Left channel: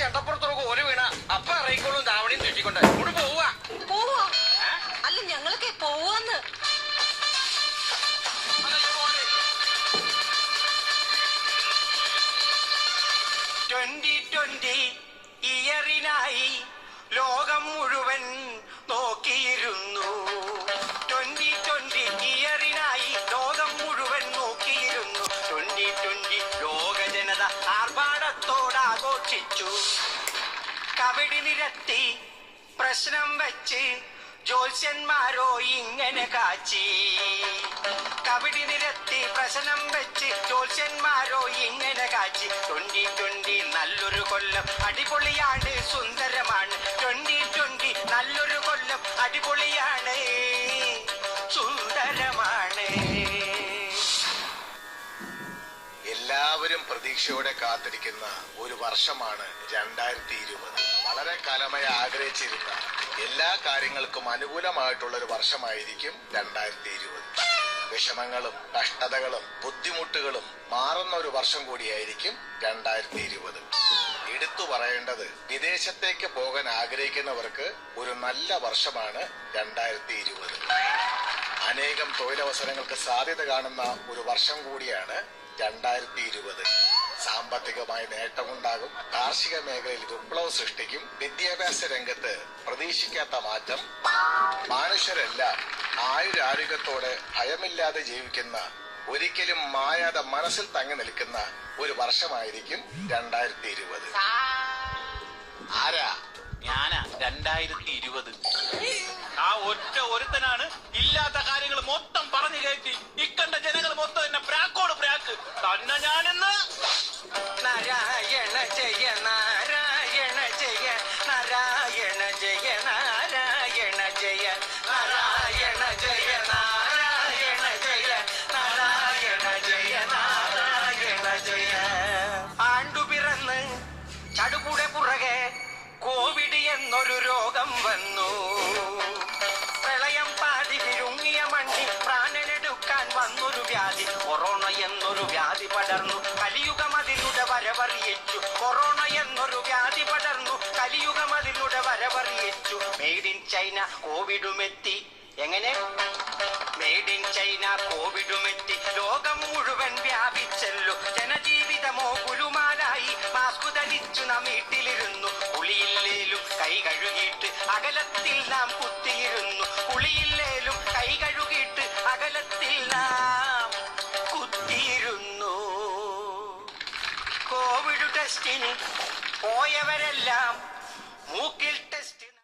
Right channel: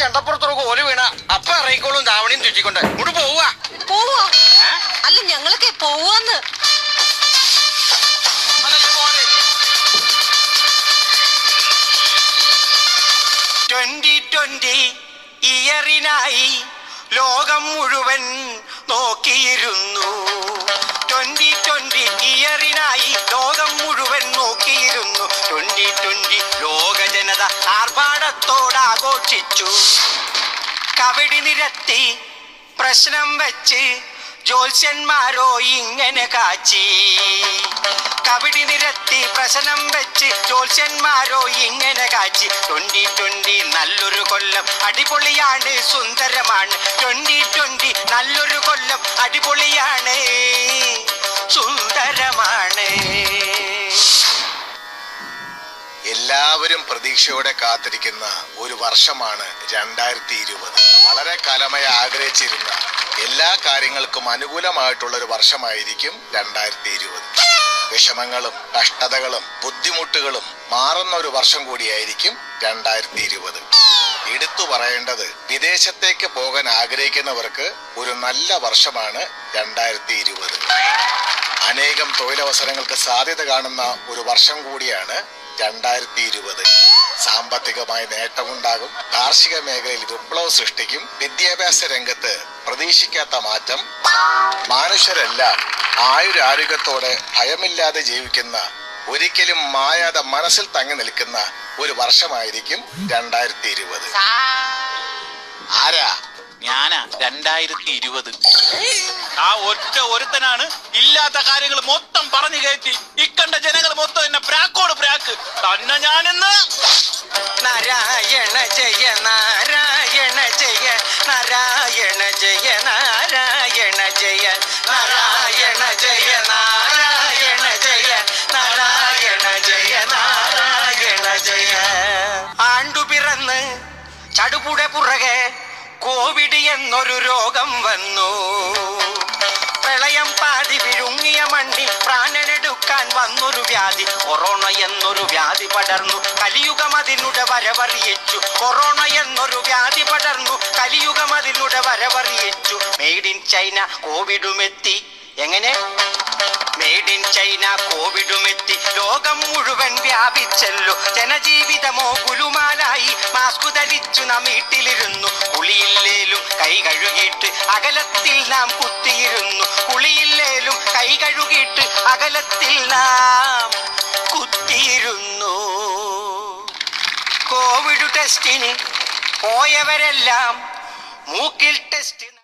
ചെണ്ടപ്പുറത്തൊരു കോല് വീണ അപ്പ ഇറങ്ങിക്കോളും ധാവണിയും ചുറ്റിക്കൊണ്ട് ഇവിടെ പോവാ. അല്ല ഞങ്ങളൊക്കെ പോവാന്ന്. 2020 ഇയറിനായി ലോകം മുഴുവൻ നോക്കിയിരുന്നു. 2020 ഇയറിനായി ലോകം മുഴുവൻ നോക്കിയിരുന്നു. 2020 ലോക ജനത ആർഭാടത്തോടാഘോഷിച്ചു. കവടി നിരത്തി പ്രശ്നം വെച്ച് ജ്യോത്സ്യന്മാരോ ഇങ്ങനെ കാച്ചി. കവടി നിരത്തി പ്രശ്നം വെച്ച് ജ്യോത്സ്യന്മാരോ ഇങ്ങനെ കാച്ചി. 2020 നല്ലൊരു കൊല്ലം അടിപൊളിയാണ്, സുന്ദരമാണ്. 2020 നല്ലൊരു കൊല്ലം അടിപൊളിയാണ്, സുന്ദരമാണ്. എല്ലാവരും പ്രതീക്ഷയോടെ കാത്തിരിക്കുന്ന ഒരു വർഷമാണ് 2020. വളരെ കാലമായി ആഗ്രഹിച്ചിരുന്ന എല്ലാ കാര്യങ്ങൾക്കും അനുകൂലമായിട്ടുള്ള ഒരു വർഷമായിരിക്കും 2020. വിഷമങ്ങളും കഷ്ടതകളും ബുദ്ധിമുട്ടുകളും മാറുന്ന ഒരു വർഷം കൂടിയായിരിക്കും 2020. എടുത്തു പറയേണ്ടത് വിദേശത്തേക്ക് പോകാൻ ആഗ്രഹിക്കുന്നവർക്ക് ഒരു നല്ല വർഷമാണ് 2020. അനേകം തൊഴിലവസരങ്ങൾക്ക് സാധ്യത കാണുന്ന ഒരു വർഷം കൂടിയാണ് 2020. സാമ്പത്തികമായി നേട്ടമുണ്ടാകും. കാർഷിക മേഖലയിൽ വിപ്ലവം സൃഷ്ടിക്കും. വിദ്യാഭ്യാസ രംഗത്ത് പ്രതീക്ഷിക്കാത്ത മാറ്റം. മനുഷ്യരെല്ലാം ആയുരാരോഗ്യത്തോടെ ഭയമില്ലാതെ ജീവിക്കുന്ന, ഒരിക്കലും മായാതെ മനസ്സിൽ തങ്ങി നിൽക്കുന്ന ഒരു വർഷമായിരിക്കും 2020. ആരാ? ഞാനാ 2020. ആ ഒറ്റ ഒരുത്തനാണ് ഇല്ലാത്ത കാര്യങ്ങൾ മൊത്തം പറഞ്ഞു കയറ്റി ഇക്കണ്ട ജനങ്ങൾ മൊത്തം എന്നെ പ്രാക്കോട് പ്രാക്ക് തന്നെ ഞാനെന്ന്. നാരായണ ജയ നാരായണ ജയ നാരായണ ജയ നാരായണ ജയ നാരായണ ജയ നാരായണ ജയ നാരായണ ജയ നാരായണ ജയ. ആണ്ടുപിറന്ന് ചടുപുടെ പുറകെ കോവിഡ് എന്നൊരു രോഗം വന്നു. പ്രളയം പാതി വിഴുങ്ങിയ മണ്ണിൽ പ്രാണനെടുക്കാൻ വന്നൊരു വ്യാധി. കൊറോണ എന്നൊരു വ്യാധി പടർന്നു, കലിയുഗം അതിനുടെ വരവറിയിച്ചു. കൊറോണ എന്നൊരു വ്യാധി പടർന്നു, കലിയുഗം അതിനുടെ വരവറിയിച്ചു. മെയ്ഡ് ഇൻ ചൈന കോവിഡുമെത്തി. എങ്ങനെ? മെയ്ഡ് ഇൻ ചൈന കോവിഡുമെത്തി. ലോകം മുഴുവൻ വ്യാപിച്ചല്ലോ. ജനജീവിതമോ ഗുലുമാലായി. മാസ്ക് ധരിച്ചു നാം വീട്ടിലിരുന്നു. കുളിയില്ലേലും കൈ കഴുകിയിട്ട് അകലത്തിൽ നാം കുത്തിയിരുന്നു. കുളിയില്ലേലും കൈ കഴുകിയിട്ട് അകലത്തിൽ നാം കുത്തിയിരുന്നു. കോവിഡ് ടെസ്റ്റിന് പോയവരെല്ലാം മൂക്കിൽ ടെസ്റ്റ്